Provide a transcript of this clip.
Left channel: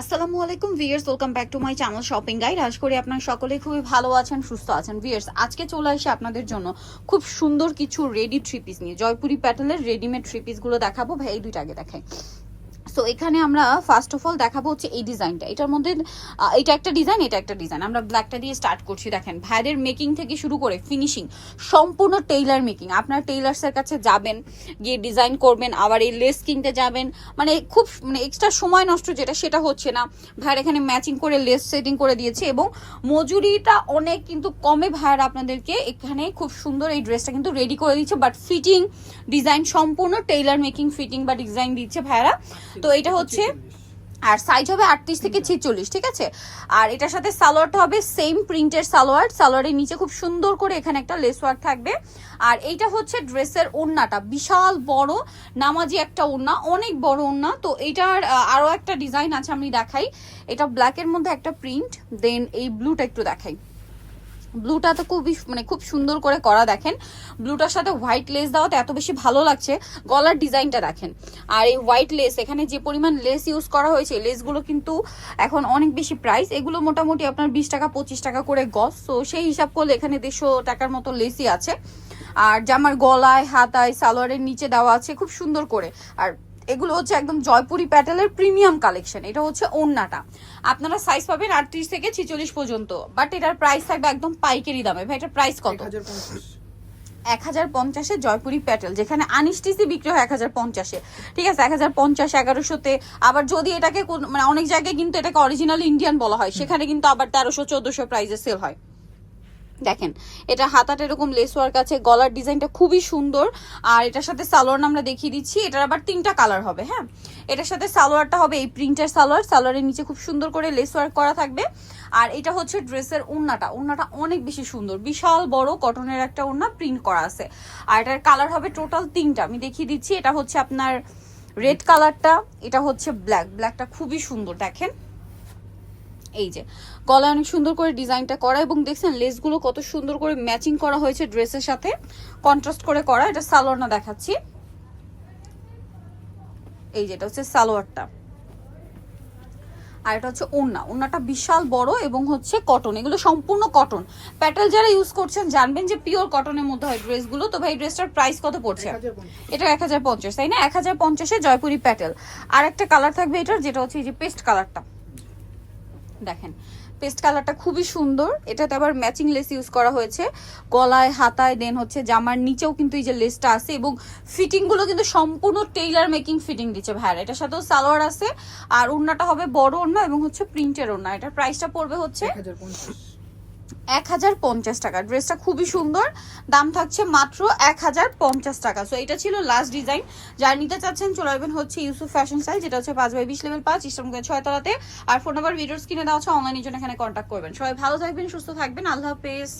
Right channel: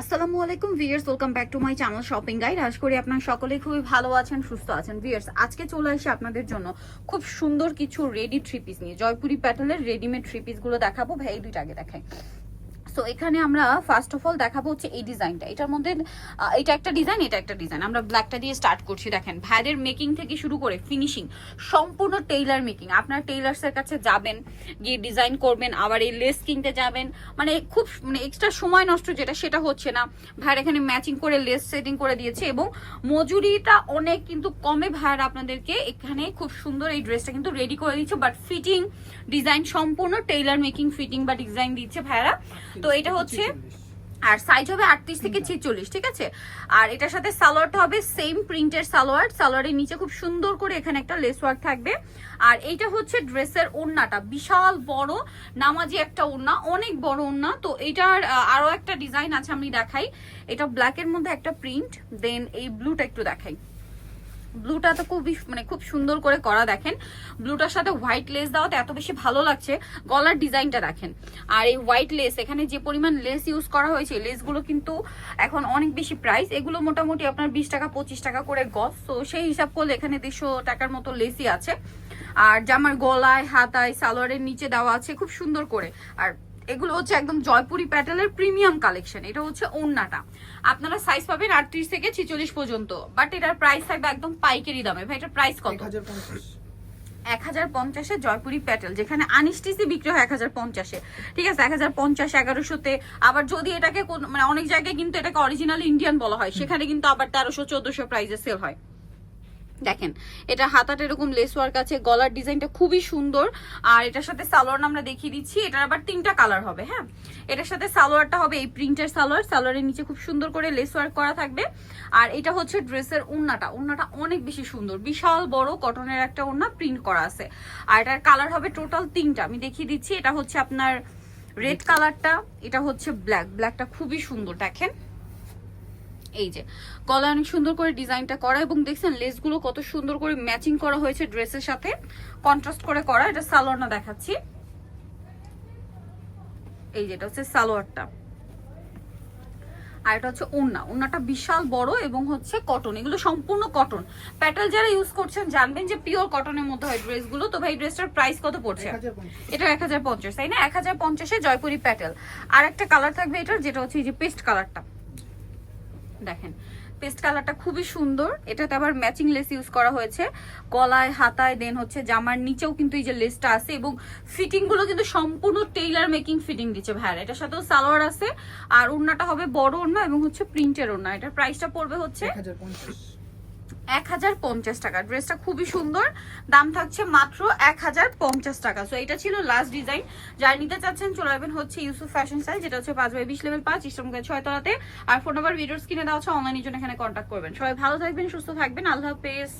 আসসালামু আলাইকুম viewers welcome back to my channel shopping guide আশা করি আপনার সকলেই খুবই ভালো আছেন, সুস্থ আছেন। ভিয়ার্স আজকে চলে আসি আপনাদের জন্য খুব সুন্দর কিছু রেডি থ্রি পিস নিয়ে। জয়পুরি প্যাটেলের রেডিমেড থ্রি পিসগুলো দেখাবো। ভাই, এই দুইটা আগে দেখাই। সো এখানে আমরা ফার্স্ট অফ অল দেখাবো হচ্ছে এই ডিজাইনটা এটার মধ্যে এটা একটা ডিজাইন এটা একটা ডিজাইন আমরা ব্ল্যাকটা দিয়ে স্টার্ট করছি দেখেন। ভাইয়ের মেকিং থেকে শুরু করে ফিনিশিং সম্পূর্ণ টেইলার মেকিং আপনার টেইলার্সের কাছে যাবেন গিয়ে ডিজাইন করবেন আবার এই লেস কিনতে যাবেন। মানে খুব মানে এক্সট্রা সময় নষ্ট যেটা সেটা হচ্ছে না। ভাইয়ের এখানে ম্যাচিং করে লেস সেটিং করে দিয়েছে এবং মজুরিটা অনেক কিন্তু কমে ভাইয়ের আপনাদেরকে এখানে খুব সুন্দর এই ড্রেসটা কিন্তু রেডি করে দিচ্ছে। বাট ফিটিং ডিজাইন সম্পূর্ণ টেইলার মেকিং ফিটিং বা ডিজাইন দিচ্ছে ভাইরা তো এটা হচ্ছে আর সাইজ হবে আটত্রিশ থেকে ছেচল্লিশ ঠিক আছে? আর এটার সাথে সালোয়ারটা হবে সেম প্রিন্টের সালোয়ার। সালোয়ারের নিচে খুব সুন্দর করে এখানে একটা লেস ওয়ার্ক থাকবে। আর এইটা হচ্ছে ড্রেসের ওড়নাটা। বিশাল বড় নামাজি একটা ওড়না অনেক বড় ওড়না। তো এইটার আহ, আরও একটা ডিজাইন আছে আমি দেখাই। এটা ব্ল্যাকের মধ্যে একটা প্রিন্ট দেন এই ব্লুটা একটু দেখাই। ব্লুটা তো খুবই মানে খুব সুন্দর করে করা দেখেন। ব্লুটার সাথে হোয়াইট লেস দেওয়াতে এত বেশি ভালো লাগছে, গলার ডিজাইনটা দেখেন। আর এই হোয়াইট লেস এখানে যে পরিমাণ লেস ইউজ করা হয়েছে লেসগুলো কিন্তু এখন অনেক বেশি প্রাইস এগুলো মোটামুটি আপনার বিশ টাকা, পঁচিশ টাকা করে গজ। তো সেই হিসাব করলে এখানে দেড়শো টাকার মতো লেসই আছে। আর জামার গলায়, হাতায়, সালোয়ারের নিচে দেওয়া আছে খুব সুন্দর করে। আর এগুলো হচ্ছে একদম জয়পুরি প্যাটেলের প্রিমিয়াম কালেকশন এটা হচ্ছে ওন্নাটা। আপনারা সাইজ পাবেন আটত্রিশ থেকে ছিচল্লিশ পর্যন্ত বাট এটার প্রাইস থাকবে একদম পাইকারি দামে। ভাই এটার প্রাইস কত? এক হাজার পঞ্চাশে। জয়পুরি প্যাটেল যেখানে আনিস্টিসি বিক্রি হয় এক হাজার পঞ্চাশে। ঠিক আছে এক হাজার পঞ্চাশ এগারোশোতে। আবার যদি এটাকে মানে অনেক জায়গায় কিন্তু এটাকে অরিজিনাল ইন্ডিয়ান বলা হয় সেখানে কিন্তু আবার তেরোশো চোদ্দশো প্রাইসে সেল হয়। দেখেন, এটা হাতাটা এরকম লেস ওয়ার্ক আছে, গলার ডিজাইনটা খুবই সুন্দর। আর এটার সাথে সালোয়ার আমরা দেখিয়ে দিচ্ছি, এটার আবার তিনটা কালার হবে হ্যাঁ? এটার সাথে সালোয়ারটা হবে এই প্রিন্টের সালোয়ার, সালোয়ারের নিচে খুব সুন্দর করে লেস ওয়ার্ক করা থাকবে। আর এটা হচ্ছে ড্রেসের ওড়নাটা ওড়নাটা অনেক বেশি সুন্দর, বিশাল বড় কটনের একটা ওড়না প্রিন্ট করা আছে। আর এটার কালার হবে টোটাল তিনটা, আমি দেখিয়ে দিচ্ছি, এটা হচ্ছে আপনার রেড কালারটা এটা হচ্ছে ব্ল্যাক ব্ল্যাকটা খুবই সুন্দর, দেখেন। এই যে গলা অনেক সুন্দর করে ডিজাইনটা করা এবং দেখছেন লেসগুলো কত সুন্দর করে ম্যাচিং করা হয়েছে ড্রেসের সাথে। কন্ট্রাস্ট করে করা এটা সালোয়ার না দেখাচ্ছি। এই যেটা হচ্ছে সালোয়ারটা। আর এটা হচ্ছে ওড়না ওড়নাটা বিশাল বড় এবং হচ্ছে কটন এগুলো সম্পূর্ণ কটন প্যাটেল যারা ইউজ করছেন জানবেন যে পিওর কটনের মধ্যে হয় ড্রেসগুলো তো ভাই ড্রেসটার প্রাইস কত পড়ছে? এটা এক হাজার পঞ্চাশ তাই না? এক হাজার পঞ্চাশে জয়পুরি প্যাটেল আর একটা কালার থাকবে এটার যেটা হচ্ছে এই যে পেস্ট কালারটা দেখেন পেস্ট কালারটা খুবই সুন্দর। এটাতে আবার ম্যাচিং লেস ইউজ করা হয়েছে। গলায়, হাতায় দেন হচ্ছে জামার নিচেও কিন্তু এই যে লেসটা আছে এবং ফিটিংগুলো কিন্তু সম্পূর্ণ টেইলার মেকিং ফিটিং দিচ্ছে ভাইয়ার। এটার সাথেও সালোয়ার আছে, আর ওড়নাটা হবে বড় ওড়না এবং হচ্ছে প্রিন্টের ওড়না। এটার প্রাইসটা পড়বে হচ্ছে এক হাজার পঞ্চাশ টাকা। ড্রেসটা খুবই সুন্দর। দাম থাকছে মাত্র এক হাজার পঞ্চাশ টাকা। সো এটা ছিল লাস্ট ডিজাইন যার নিতে চাচ্ছেন, চলে আসবেন হচ্ছে ইউসুফ ফ্যাশন স্টাইল যেটা হচ্ছে পাঁচ বাই বিশ লেভেল পাঁচ ইসলামগঞ্জ ছয়তলাতে আর ফোন নাম্বার ভিডিওস কিনে দেওয়া হচ্ছে অনলাইনের জন্য এখানে কন্ট্যাক্ট করবেন। সবাই ভালো থাকবেন, সুস্থ থাকবেন। আল্লাহ হাফেজ।